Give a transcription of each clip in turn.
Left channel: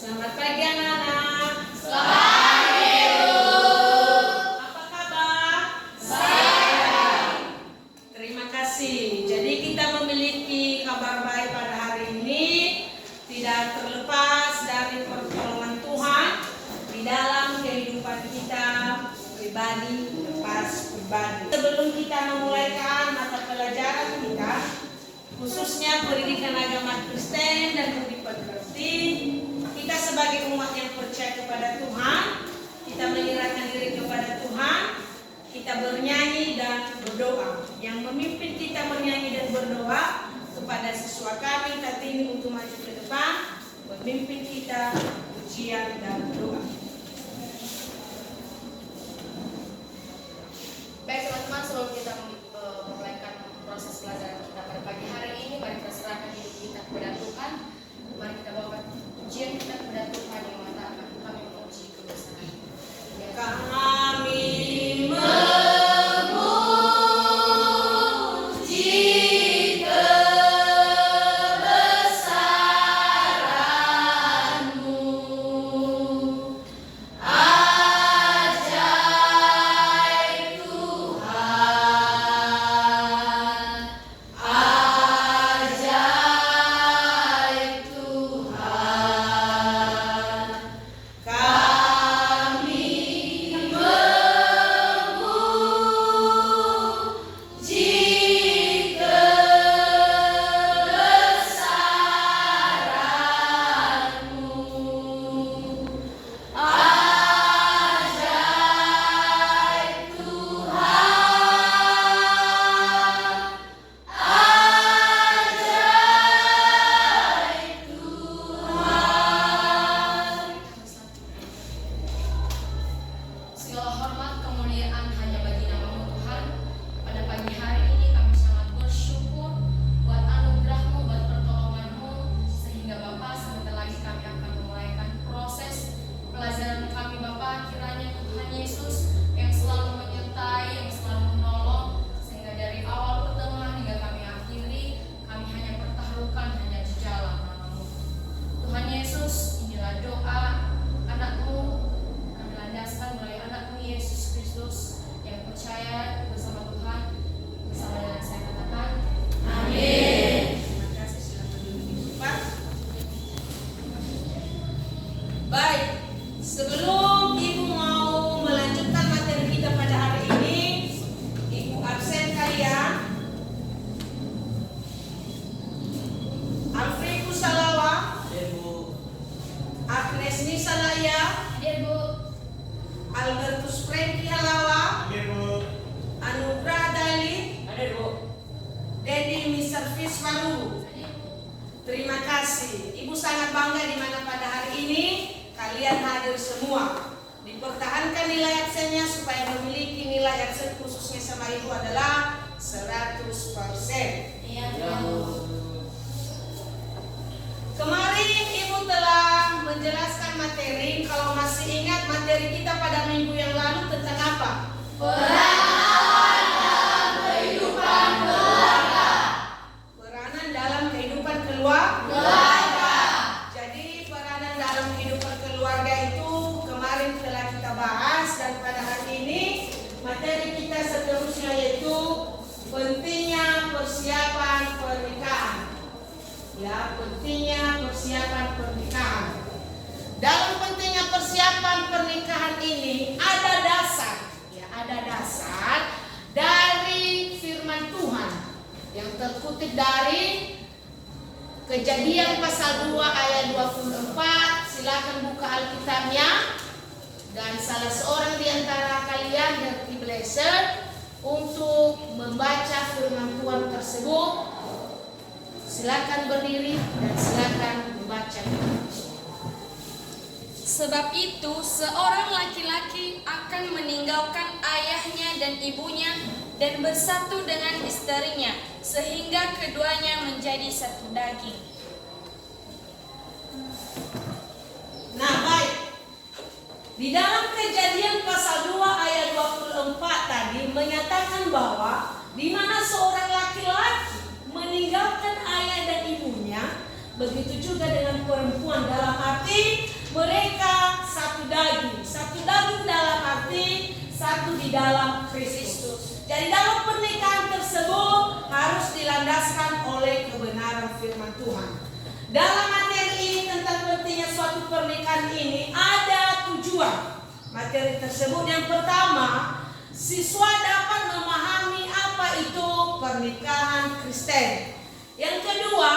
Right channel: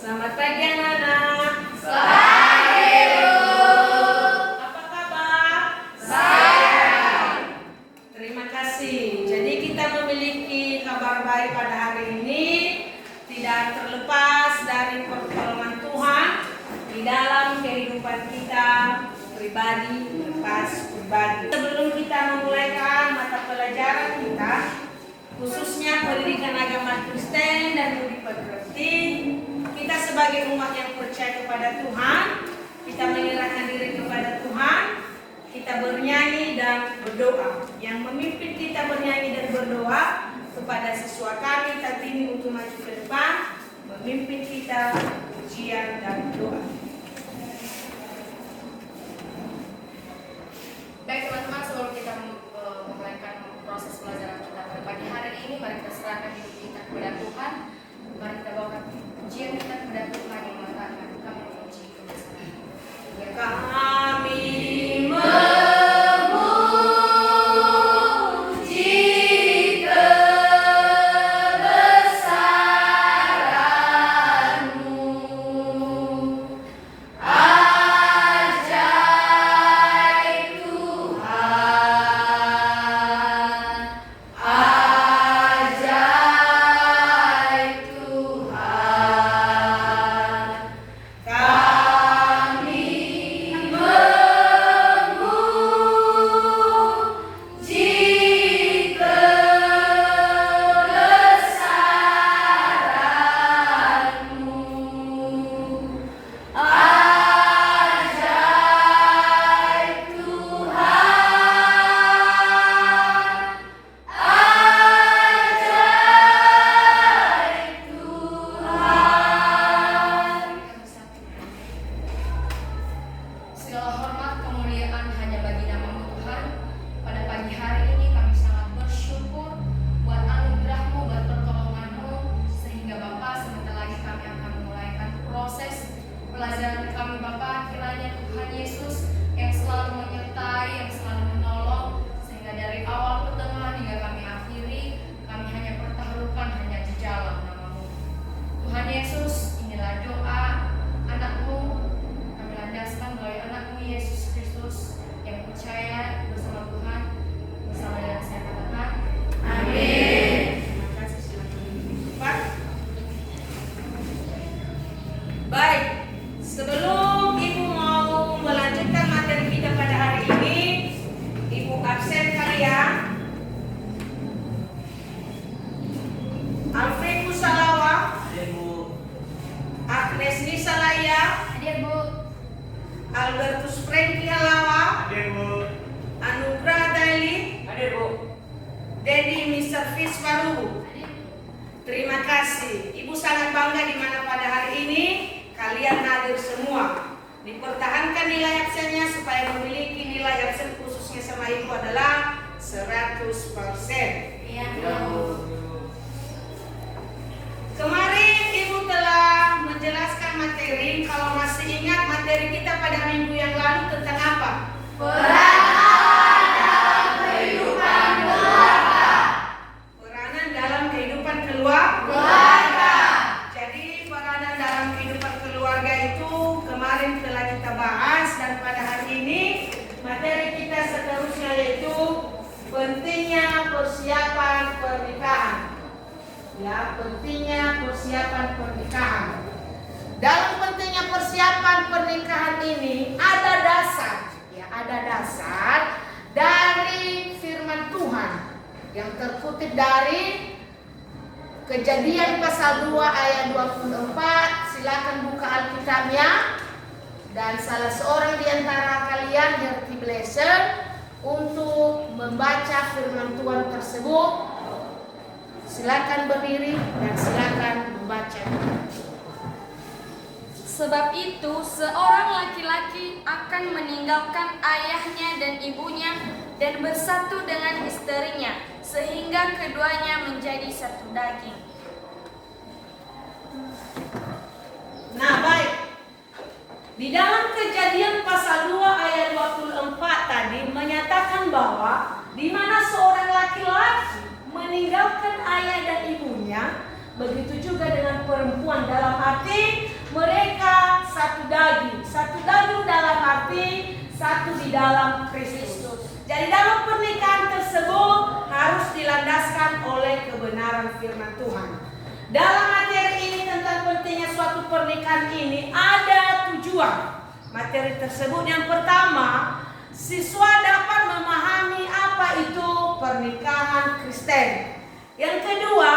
Selamat pagi anak-anak. Selamat pagi, Bu. Apa kabar? Baik. Terima kasih. Jadi kita memiliki kabar baik pada hari ini. Tidak terlepas dari pertolongan Tuhan di dalam kehidupan kita pribadi, lepas pribadi. Sebelum kita memulaikan mata pelajaran kita, khususnya pendidikan agama Kristen dan budi pekerti, kita sebagai umat yang percaya kepada Tuhan, kita menyerahkan diri kepada Tuhan, kita bernyanyi dan berdoa. Yang memimpin kita bernyanyi dan berdoa kepada siswa kami Kartini untuk maju ke depan, memimpin kita ujian dan doa. Baik teman-teman, sebelum kita memulaikan proses pelajaran kita pada pagi hari ini, mari kita serahkan hidup kita kepada Tuhan. Mari kita bawakan pujian kita kepada Tuhan yang mengatakan kami memuji kebesaran. Kami segala hormat kemuliaan hanya bagi nama-Mu Tuhan. Pada pagi hari ini kami sangat bersyukur buat anugerah-Mu, buat pertolongan-Mu, sehingga Bapa sebentar lagi kami akan memulaikan proses pelajaran kami Bapa. Kiranya Tuhan Yesus yang selalu menyertai, yang selalu menolong, sehingga dari awal ke tengah hingga kami akhiri, kami hanya pertaruhkan hanya di dalam nama-Mu. Tuhan Yesus, inilah doa anak-Mu, kami landaskan melalui anak-Mu Yesus Kristus yang percaya bersama Tuhan, bersama dengan saya katakan amin. Terima kasih, silakan duduk, Pak. Baik, sebelum Ibu mau melanjutkan materi kita pada hari ini, Ibu absen kalian. Alfred Kusalawa, Agnes Nisalaya, Hadir Bu. Albertus Franky Halawa, Hadir, Bu. Anugrah Dali, Hadir, Bu. Dedi Mr. Fiswaru. Terima kasih. Ibu sangat bangga di mana pada hari ini kalian hadir semua. Dipertahankan nilai absennya supaya memiliki nilai absen khususnya sama Ibu adalah 100%. Iya Bu. Kemarin Ibu telah menjelaskan materi. Kalau masih ingat materi kita pada minggu yang lalu tentang apa? Peranan dalam kehidupan keluarga. Jadi peranan dalam kehidupan keluarga itu kemarin telah kita bahas, dan pada hari ini materi kita seterusnya yaitu pentingnya persiapan pernikahan. Ya, pentingnya persiapan pernikahan. Dalam pentingnya persiapan pernikahan ini ada dasar, ya, ada dasar dari firman Tuhan yang terkutip dari Kejadian pasal 2 ayat 24. Silakan buka Alkitabnya, dan salah seorang di antara kalian Herti Blesser untuk membaca firman Tuhan tersebut. Silakan berdiri dan silakan membaca. Sebab itu, seorang laki-laki akan meninggalkan ayahnya dan ibunya dan bersatu dengan istrinya, sehingga keduanya menjadi satu daging. Nah, baik. Di dalam Kejadian pasal 2 ayat 24 tadi menyatakan bahwa di mana seorang laki-laki meninggalkan ayah dan ibunya begitu juga dengan perempuan, dalam arti mereka satu daging. Satu daging dalam arti satu di dalam Kristus. Jadi dalam pernikahan tersebut harus dilandaskan oleh kebenaran firman Tuhan. Dalam materi ini tentang pentingnya suatu pernikahan ini ada tujuan. Materi tersebut yang pertama, siswa dapat memahami apa itu pernikahan Kristen. Yang kedua,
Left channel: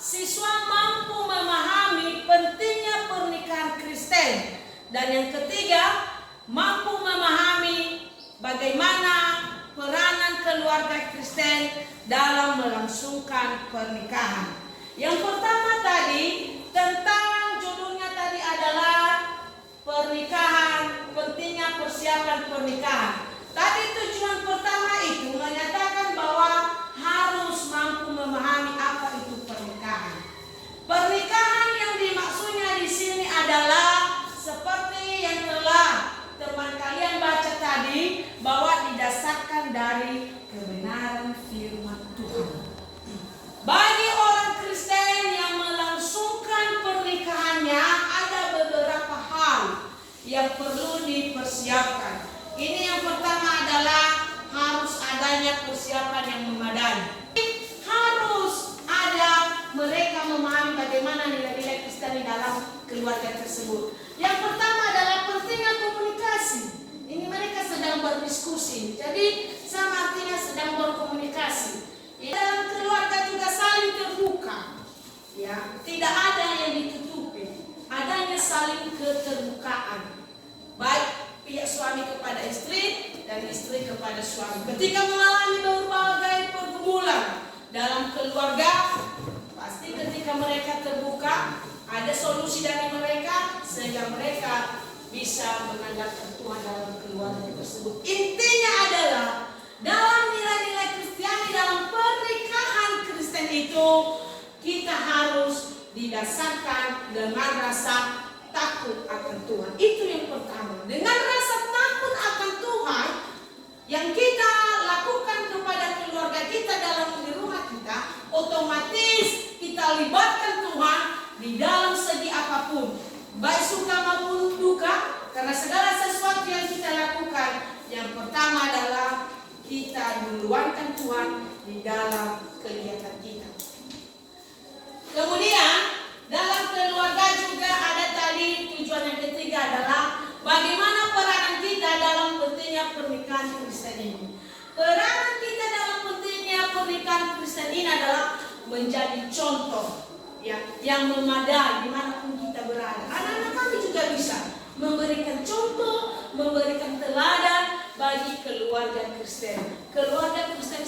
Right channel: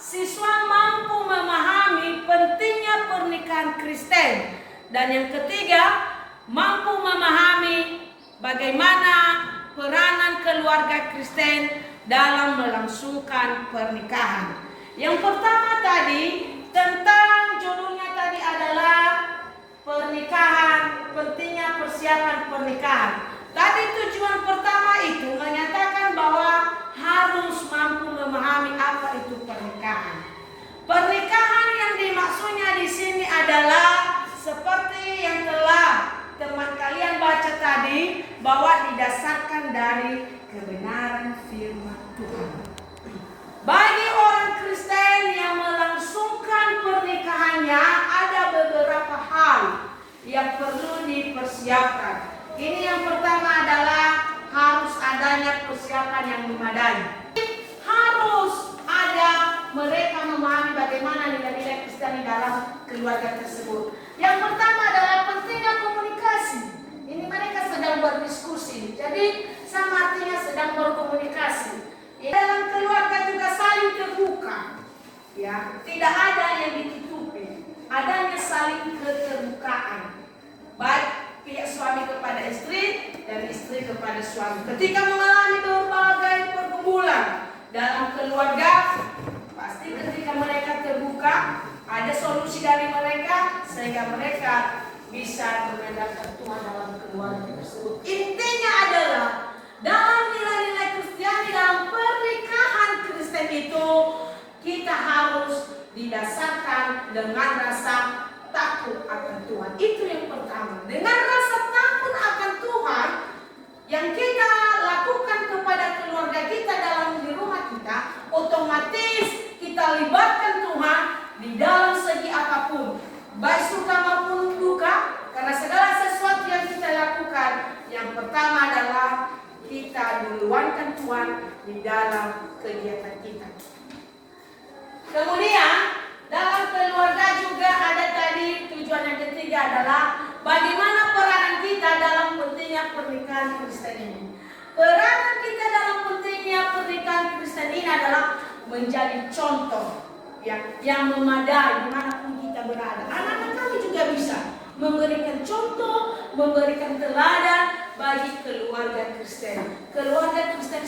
siswa mampu memahami pentingnya pernikahan Kristen. Dan yang ketiga, mampu memahami bagaimana peranan keluarga Kristen dalam melangsungkan pernikahan. Yang pertama tadi tentang judulnya tadi adalah pernikahan, pentingnya persiapan pernikahan. Tadi tujuan pertama itu menyatakan bahwa harus mampu memahami apa itu pernikahan. Pernikahan yang dimaksudnya di sini adalah seperti yang telah teman kalian baca tadi, bahwa didasarkan dari kebenaran firman Tuhan. Bagi orang Kristen yang melangsungkan pernikahannya ada beberapa hal yang perlu dipersiapkan. Ini yang pertama adalah harus adanya persiapan yang memadai. Harus ada mereka memahami bagaimana nilai-nilai Kristen dalam keluarga tersebut. Yang pertama adalah pentingnya komunikasi. Ini mereka sedang berdiskusi. Jadi sama artinya sedang berkomunikasi. Dalam keluarga juga saling terbuka. Ya, tidak ada yang ditutupi. Adanya saling keterbukaan. Baik pihak suami kepada istri dan istri kepada suami. Ketika mengalami berbagai pergumulan dalam keluarga, pasti ketika mereka terbuka, ada solusi dari mereka sehingga mereka bisa mengandalkan Tuhan dalam keluarga tersebut. Intinya adalah dalam nilai-nilai Kristiani, dalam pernikahan Kristen itu kita harus didasarkan dengan rasa takut akan Tuhan. Itu yang pertama. Dengan rasa takut akan Tuhan yang kita lakukan kepada keluarga kita dalam di rumah kita, otomatis kita libatkan Tuhan di dalam segi apapun, baik suka maupun duka, karena segala sesuatu yang kita lakukan, yang pertama adalah kita duluankan Tuhan di dalam kegiatan kita. Kemudian dalam keluarga juga ada tadi tujuan yang ketiga adalah bagaimana peranan kita dalam pentingnya pernikahan Kristen ini. Peranan kita dalam pentingnya pernikahan Kristen ini adalah menjadi contoh yang memadai dimanapun kita berada. Anak-anak kami juga bisa memberikan contoh, memberikan teladan bagi keluarga Kristen. Keluarga Kristen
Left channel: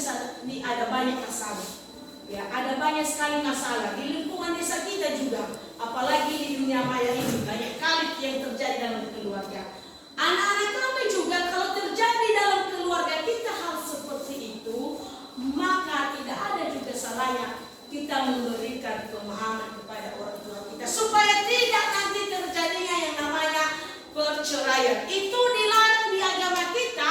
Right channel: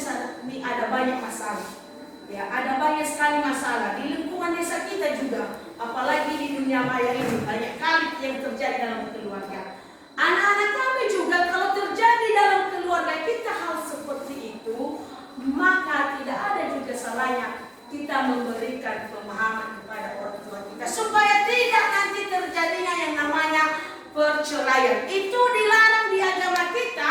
ini ada banyak masalah. Ya, ada banyak sekali masalah di lingkungan desa kita juga, apalagi di dunia maya ini banyak kali yang terjadi dalam keluarga. Anak-anak kami juga kalau terjadi dalam keluarga kita hal seperti itu, maka tidak ada juga salahnya kita memberikan pemahaman kepada orang tua kita supaya tidak nanti terjadinya yang namanya perceraian. Itu dilarang di agama kita,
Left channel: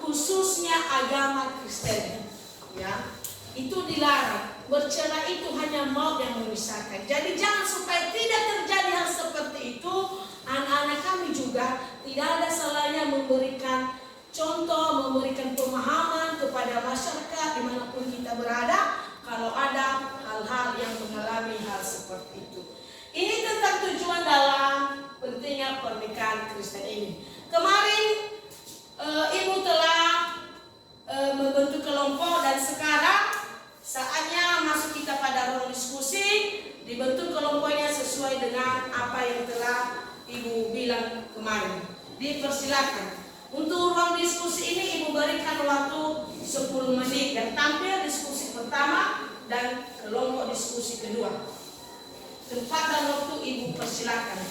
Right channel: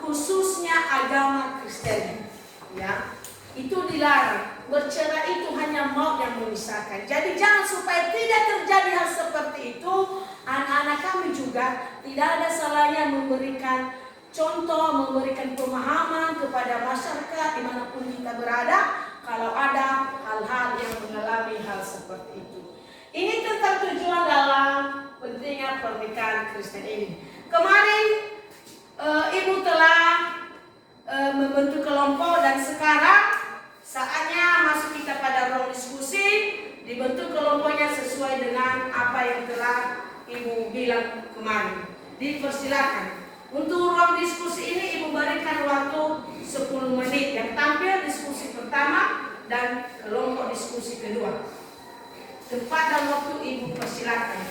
khususnya agama Kristen. Ya, itu dilarang. Bercerai itu hanya maut yang memisahkan. Jadi jangan supaya tidak terjadi hal seperti itu. Anak-anak kami juga tidak ada salahnya memberikan contoh, memberikan pemahaman kepada masyarakat dimanapun kita berada. Kalau ada hal-hal yang mengalami hal seperti itu. Ini tentang tujuan dalam pentingnya pernikahan Kristen ini. Kemarin ibu telah membentuk kelompok dan sekarang saatnya masuk kita pada ruang diskusi. Dibentuk kelompoknya sesuai dengan apa yang telah ibu bilang kemarin. Dipersilakan. Untuk ruang diskusi ini ibu berikan waktu 10 menit dan tampil diskusi pertama dan kelompok diskusi kedua. Tempat dan waktu ibu persilakan.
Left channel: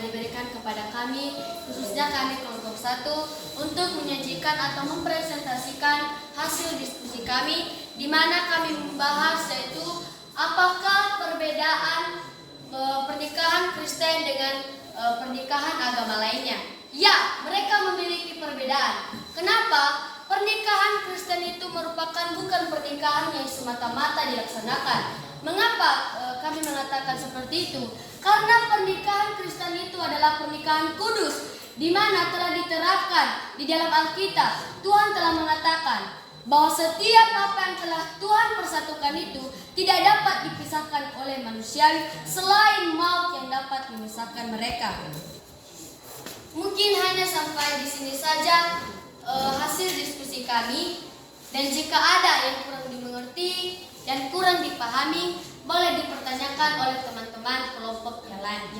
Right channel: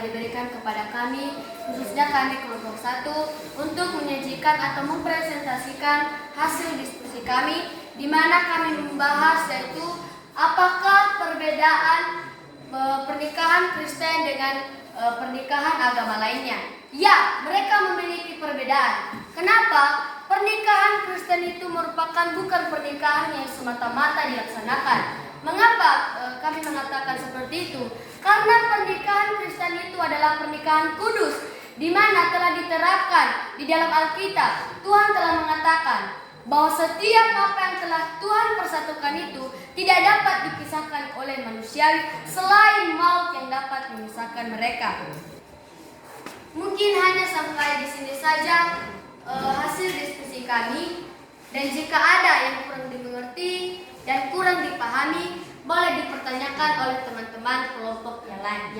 telah diberikan kepada kami, khususnya kami kelompok 1, untuk menyajikan atau mempresentasikan hasil diskusi kami, di mana kami membahas yaitu apakah perbedaan pernikahan Kristen dengan pernikahan agama lainnya. Ya, mereka memiliki perbedaan. Kenapa? Pernikahan Kristen itu merupakan bukan pernikahan yang semata-mata dilaksanakan. Mengapa kami mengatakan seperti itu? Karena pernikahan Kristen itu adalah pernikahan kudus, di mana telah diterapkan di dalam Alkitab. Tuhan telah mengatakan bahwa setiap apa yang telah Tuhan persatukan itu tidak dapat dipisahkan oleh manusia selain maut yang dapat memisahkan mereka. Mungkin hanya sampai di sini saja hasil diskusi kami, dan jika ada yang kurang dimengerti dan kurang dipahami, boleh dipertanyakan oleh teman-teman kelompok yang lain.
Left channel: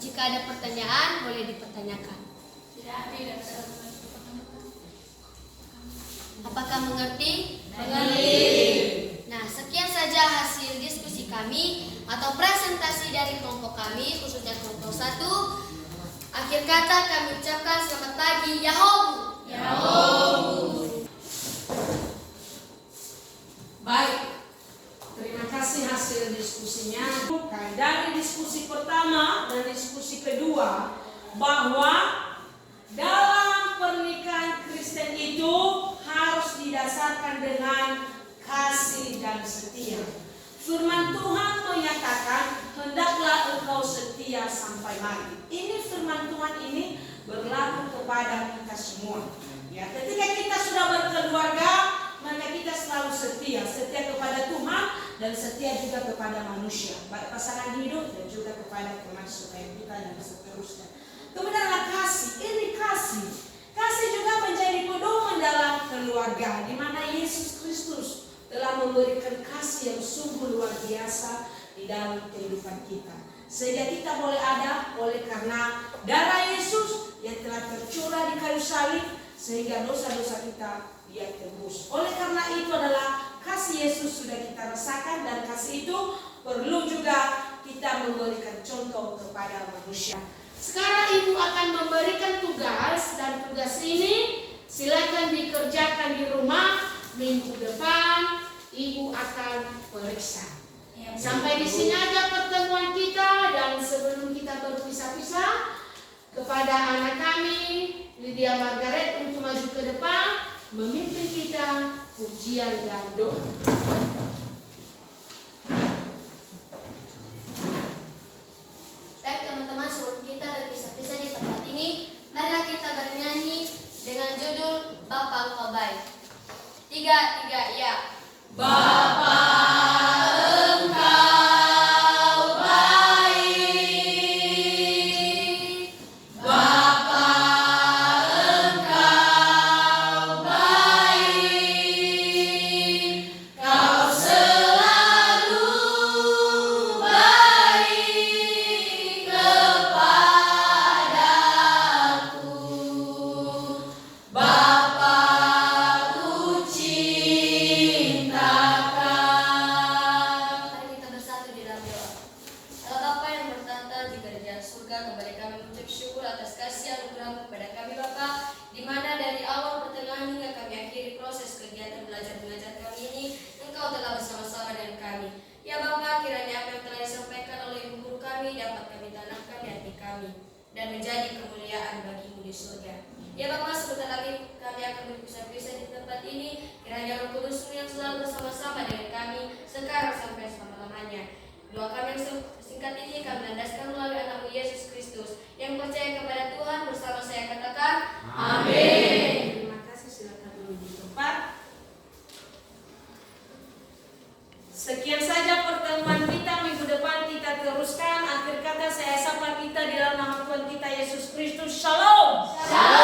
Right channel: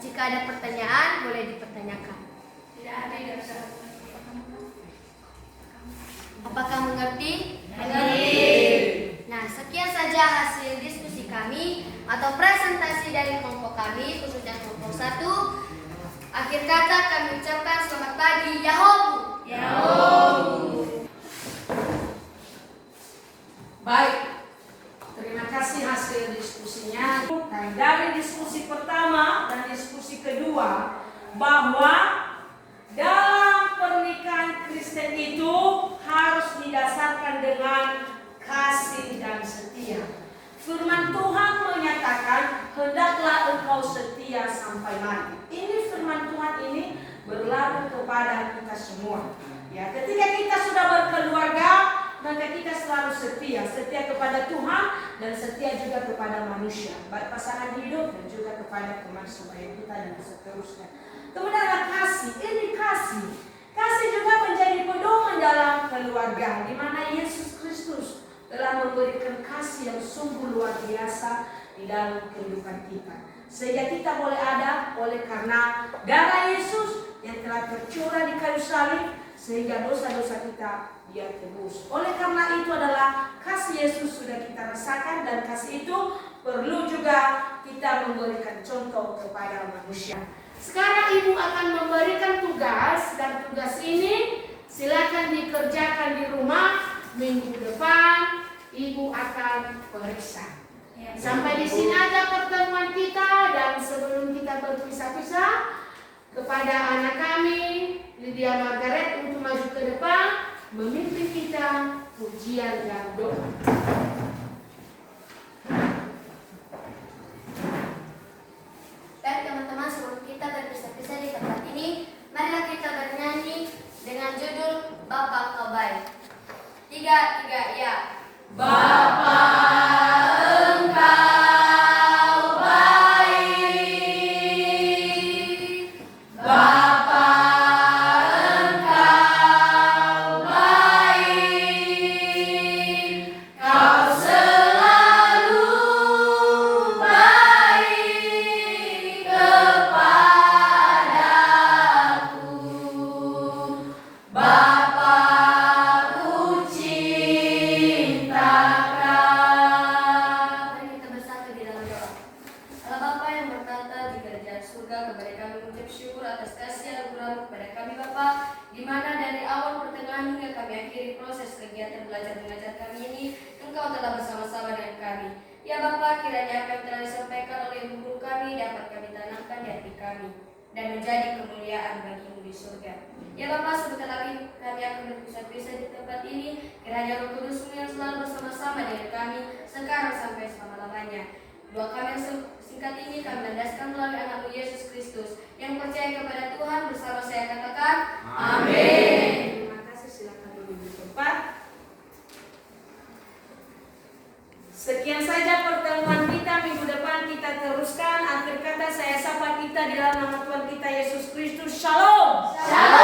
Jika ada pertanyaan, boleh dipertanyakan. Tidak ada yang bisa. Apakah mengerti? Mengerti. Nah, sekian saja hasil diskusi kami atau presentasi dari kelompok kami, khususnya kelompok 1. Akhir kata kami ucapkan selamat pagi, Yahobu. Baik, terima kasih hasil diskusinya. Dari diskusi pertama dan diskusi kedua, bahwa dalam pernikahan Kristen itu harus didasarkan dengan kasih dan setia. Firman Tuhan menyatakan, hendaklah engkau setia sampai mati. Ini firman Tuhan ini berlaku kepada kita semua. Ya, ketika kita sudah berkeluarga, maka kita selalu setia kepada Tuhan dan setia juga kepada manusia, baik pasangan hidup dan juga kepada teman sebaya kita dan seterusnya. Kemudian ada kasih, ini kasih. Kasih juga menjadi pedoman dalam keluarga, di mana Yesus Kristus telah memberikan kasih yang sungguh luar biasa di dalam kehidupan kita. Sehingga kita boleh ada oleh karena darah Yesus yang telah tercurah di kayu salib, sehingga dosa-dosa kita dia tebus. Oleh karena itu adalah kasih Yesus sudah kita rasakan, dan kasih itu perlu juga kita memberikan contoh kepada manusia. Sekarang ibu akan memberikan tugas, dan tugas ini silakan dikerjakan di rumah. Minggu depan ibu akan periksa. Sampai di sini aja pertemuan kita, dan sebelum kita berpisah-pisah, kepada anak kami Lydia Margaret untuk maju ke depan memimpin kita pujian dan doa. Baik teman-teman, sebelum kita berpisah-pisah di tempat ini, marilah kita bernyanyi dengan judul Bapa Engkau Baik. 3, ya. Bapa engkau baik, Bapa engkau baik, kau selalu baik kepadaku, Bapa ku cinta. Mari kita bersatu di dalam doa. Allah Bapa yang bertata di kerajaan surga, kepada kami mengucap syukur atas kasih anugerah kepada kami Bapa, di mana dari awal pertengahan hingga kami akhiri proses kegiatan belajar mengajar kami ini, Engkau telah bersama-sama dengan kami. Ya Bapa, kiranya apa yang telah disampaikan oleh ibu guru kami dapat kami tanamkan di hati kami dan menjadi kemuliaan bagimu di surga. Ya Bapa, sebentar lagi kami akan berpisah-pisah di tempat ini. Kiranya Roh Kudus yang selalu bersama-sama dengan kami sekarang sampai selama-lamanya. Doa kami yang singkat ini kami landaskan melalui anakmu Yesus Kristus yang percaya kepada Tuhan, bersama saya katakan amin. Terima kasih, silakan duduk di tempat. Sekian saja pertemuan kita. Minggu depan kita teruskan. Akhir kata saya sapa kita di dalam nama Tuhan kita Yesus Kristus. Shalom. Shalom.